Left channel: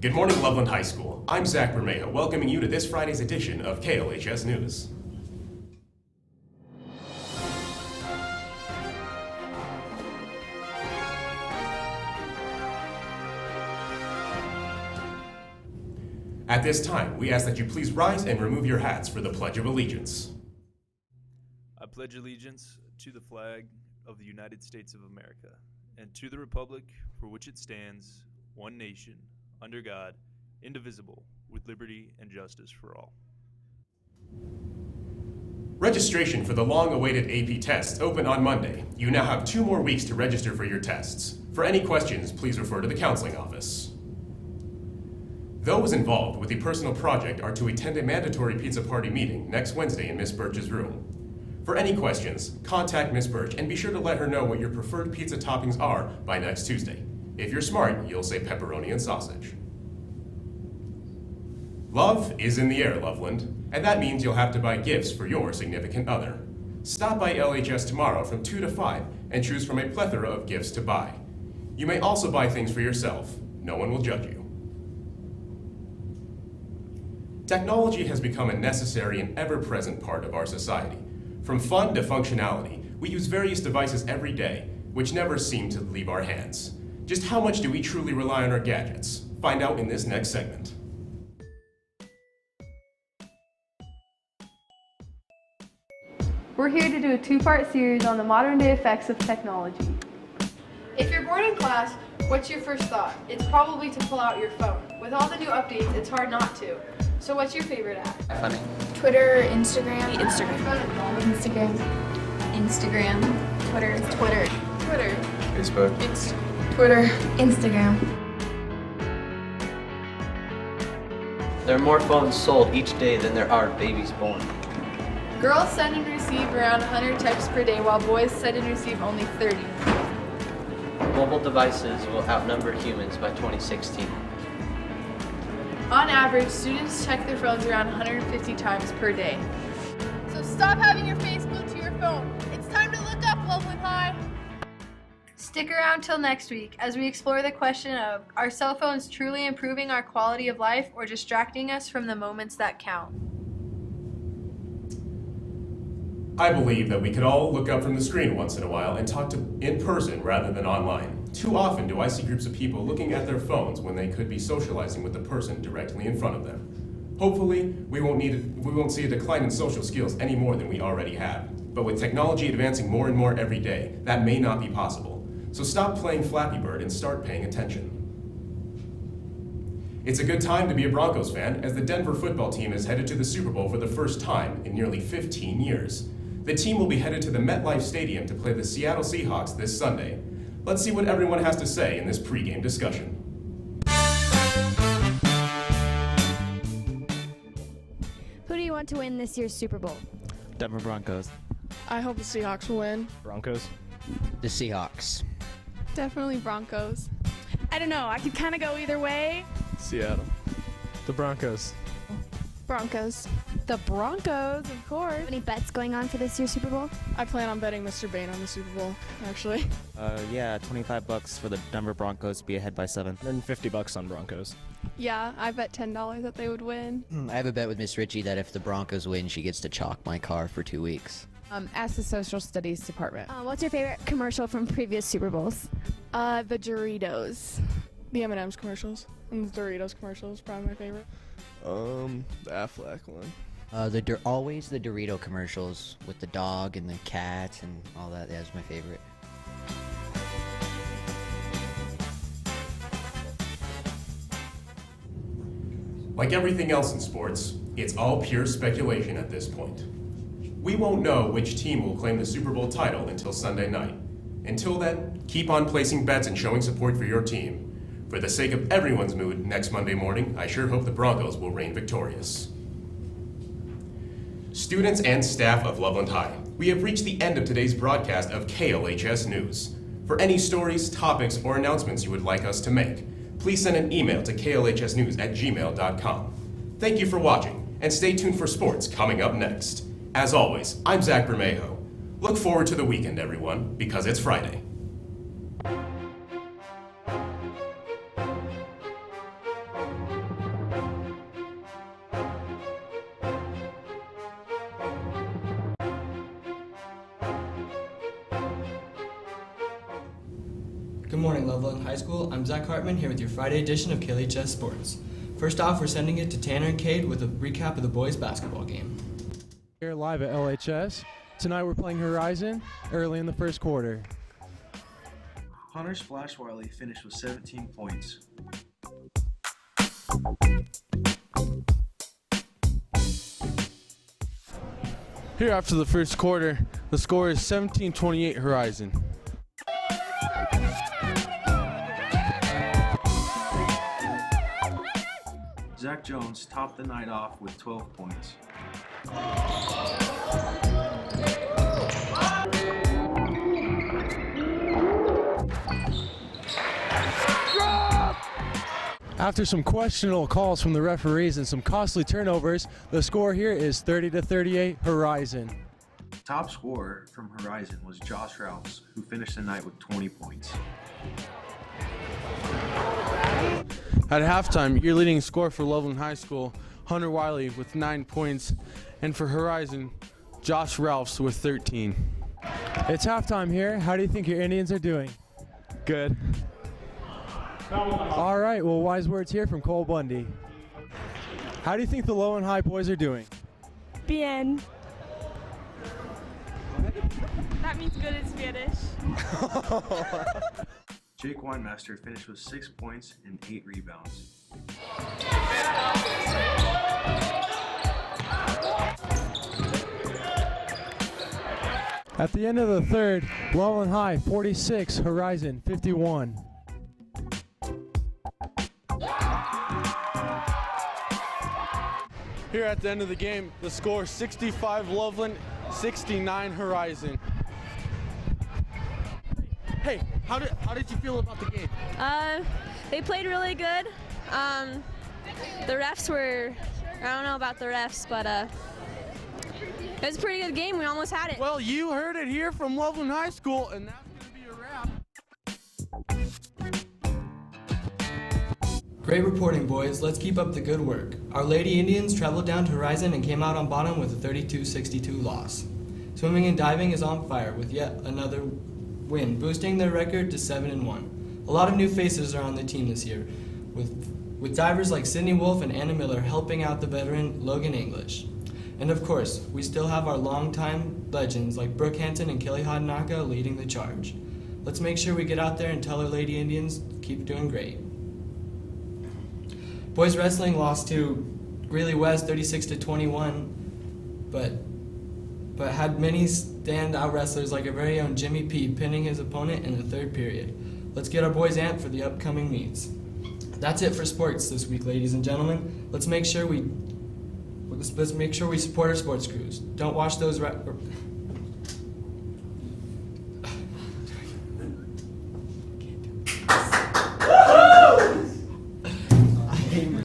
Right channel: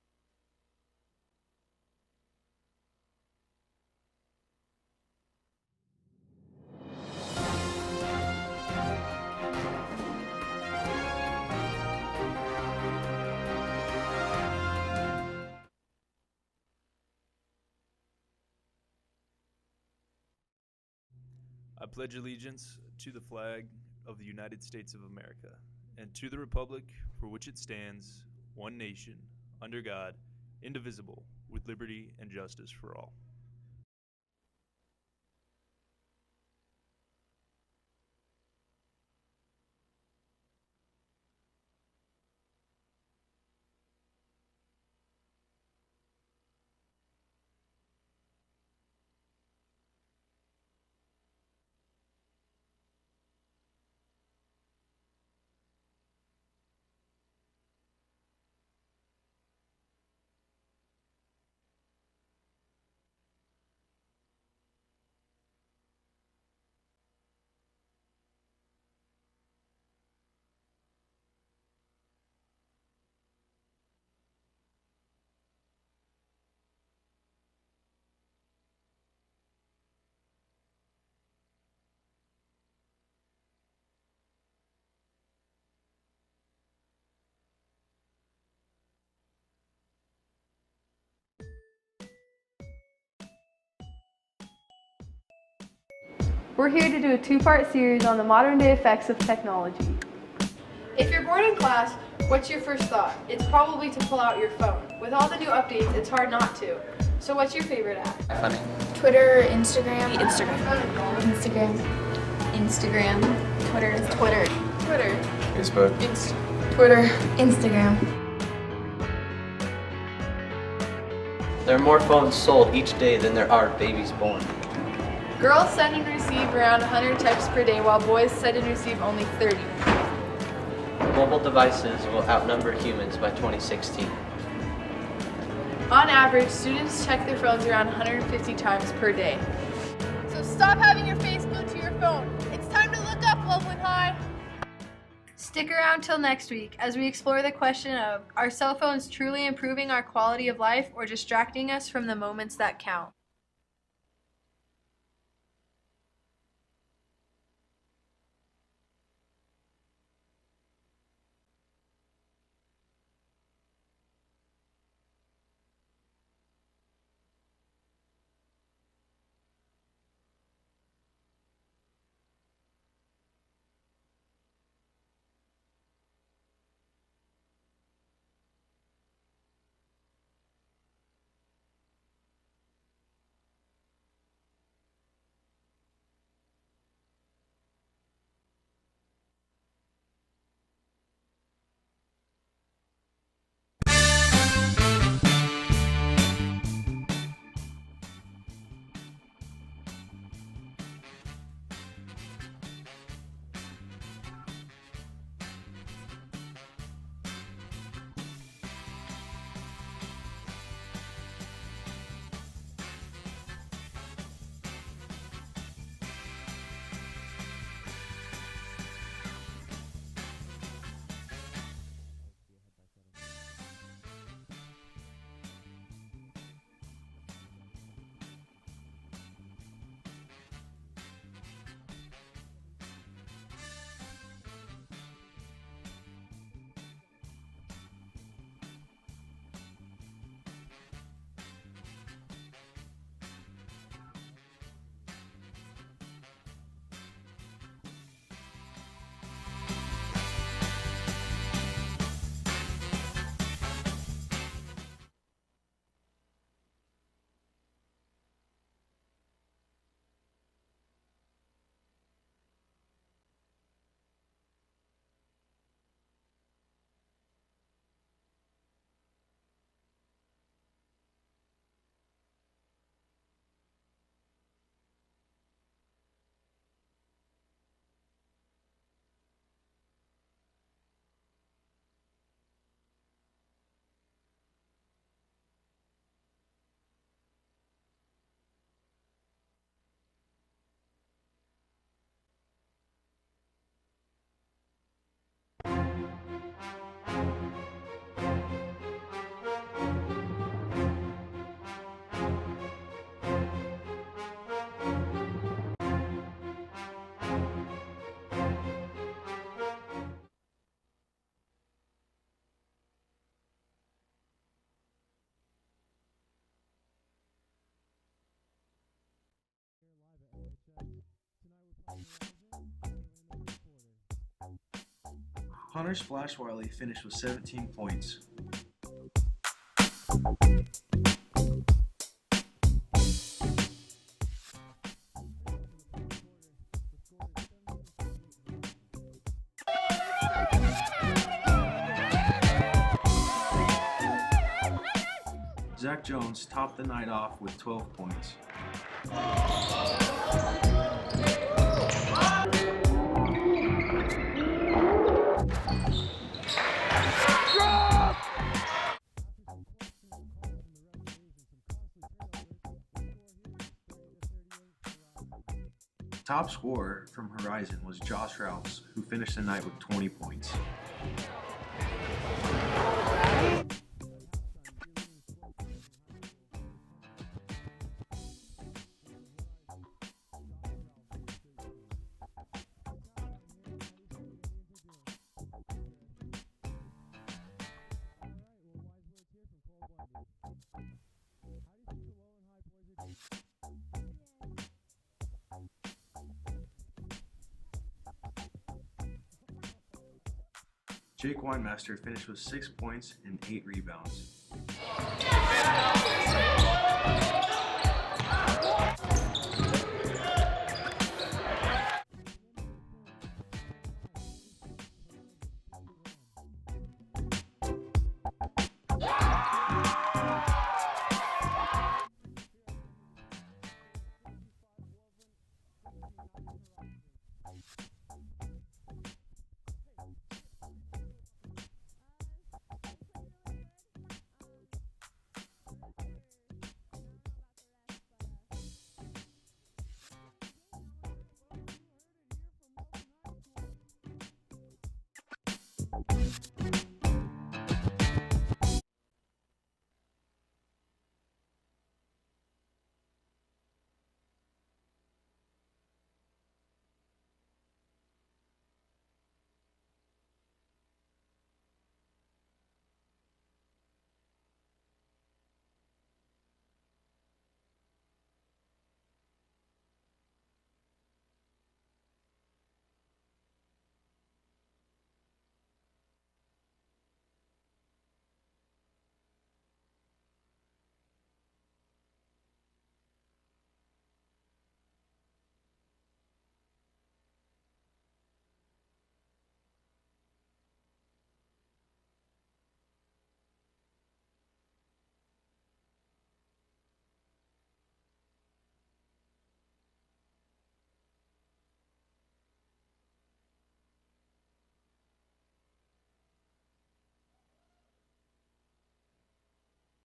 Good morning, Loveland High School. I'm Zach Bermejo, welcoming you to this Friday's edition of KLHS News. At this time, we ask that you please rise and remove your hats for the Pledge of Allegiance. I pledge allegiance to the flag of the United States of America and to the republic for which it stands, one nation, under God, indivisible, with liberty and justice for all. Registration for the long-awaited AP tests opened on Monday. You now have 2 more weeks to register for your tests. For any questions, please refer to the counseling office. Those involved with the personal project are to attend a mandatory pizza party meeting next Wednesday in Miss Birch's room. For any questions, contact Miss Birch and be sure to let her know what your preferred pizza toppings are by next Tuesday. If you're smart, you'll say pepperoni and sausage. Love is in the air, Loveland, and that means you'll have to buy gifts for your significant other. Stop by LHS tomorrow from 2 to 5 and choose from a plethora of gifts to buy. You may also buy things for yourself. No one will judge you. Technology has become a necessary and ever-present part of our society. From fun to functionality, we use various devices every day, which never seem to leave our hands. Just how much do we truly rely on our gadgets? Find out in this next segment. We're here to do a 2-part series on the modern-day effects of technology. If you're bored in class, what's your first thought? It's probably to pull out your phone. With all the new updates, it's hard not to. So what's your favorite app? Funny. Twitter, Instagram. Instagram. Twitter. Facebook. Twitter. Instagram. There are more phones sold each day than there are babies born. Girls send and receive around 100 texts per day, while boys send and receive only 30. Mobile devices will outnumber humans by 2016. On average, students check their phones around 150 times per day. So stop having your face glued to your phone. It's time to look up, Loveland High. Stick around till next week as we explore the question of, are cell phones truly improving our quality of life or distracting us from the moments that count? I believe that we could all look up from the screen once in a while and talk in person rather than online. Too often do I see groups of people looking at their phones when they could be socializing with the person directly in front of them. Hopefully, we won't see a decline in social skills any more than we already have. But with technology advancing more and more every day, that may not be possible. So stop playing Flappy Bird and start paying attention. It's a good time to be a Broncos fan, as the Denver football team is headed to the Super Bowl for the first time in nearly 15 years. The team will be headed to the MetLife Stadium to play the Seattle Seahawks this Sunday. Let's see what everyone has to say in this pregame discussion. Who do you want to win this year's Super Bowl? Denver Broncos. I hope the Seahawks will win. Broncos. The Seahawks. Definitely Broncos. I don't know. I could kind of go either way. Seattle. The Broncos. Broncos. The Broncos, of course. Any bets going on for this year's Super Bowl? I plan on betting Mr. Bain on the Super Bowl, actually. Yeah, $25 for the Denver Broncos to be ahead by 7. Then $50 on Broncos. Yeah, I bet $10 that they would win. I have a bet with Miss Ritchie that if the Broncos win, she gets to chalk my car for 2 weeks. Ask the social studies department. What's your favorite commercial from previous Super Bowls? The Doritos. The M&M's commercials. And the Doritos commercials, probably my favorite. The Aflac one. Always the Dorito commercials with the dog and the cat and all that. That's my favorite. Like everything else in sports, it's all pure speculation at this point. We won't know which team will claim the Super Bowl title until Sunday night. Until then, keep on placing bets and showing support for your team. For the sake of everyone's mood next Monday morning, I sure hope the Broncos will reign victorious. Students and staff of Loveland High, we have reached the end of today's broadcast of KLHS News. For any stories, topics, or announcements you would like us to make, please send an email to klhsnews@gmail.com. Thank you for watching, and stay tuned for sports coming up next. As always, I'm Zach Bermejo. Look forward to the weekend, everyone, because it's Friday. Good morning, Loveland High School. I'm Zach Hartman here with your Friday edition of KLHS Sports. First off, we're sending it to Tanner and Cade with a recap of the boys' basketball game. Here live at LHS. Tonight we're playing Horizon early in the first quarter. Hunter Splash Wiley finished with 17 points. Here after the first quarter, the score is 17-28 Horizon. Zach Jones topped the night off with 12 points. After some questionable calls from the referees and some costly turnovers, the score here is 30-38 Horizon. Top scorer from Horizon was Josh Rouse, who finished the night with 20 points. At halftime, your leading scorer for Loveland High School, Hunter Wiley with 9 points, and for Horizon, Josh Ralphs with 13. It's halftime here. How do you think your Indians are doing? Good. All right, well, wise words here from Cole Bundy. How do you think the low and high boys are doing? Bien. That means good in Spanish. Jake Weinmaster finished with 6 points and 8 rebounds. At the end of the third, Loveland High 46, Horizon 51. Here at the end of the game, the score 65 Loveland, 69 Horizon. Hey, how did you feel about the game? They played really good. The refs were, I don't know about the refs, but it was a pretty good game. We almost had it. Well, you heard it here from Loveland High School, and that's going to be a wrap. Great reporting, boys. Let's keep up the good work. Our Lady Indians traveled down to Horizon and came out on bottom with a 32-62 loss. Swimming and diving is on fire with yet another win, boosting their record to 7-1. A lot of new faces are on the team this year, with divers like Sydney Wolf and Anna Miller helping out the veteran Logan English. And of course, we still have our longtime legends like Brooke Hanson and Kelly Hadanaka leading the charge. Let's make sure we get out there and tell our Lady Indians to keep doing great. Boys wrestling lost to Greeley West 36-21, but had many standout wrestlers like our very own Jimmy P pinning his opponent in the third period. Let's get our boys amped for the upcoming meets. That's it for sports this week, ladies and gentlemen. Let's make sure we support our sports crews. Don't watch those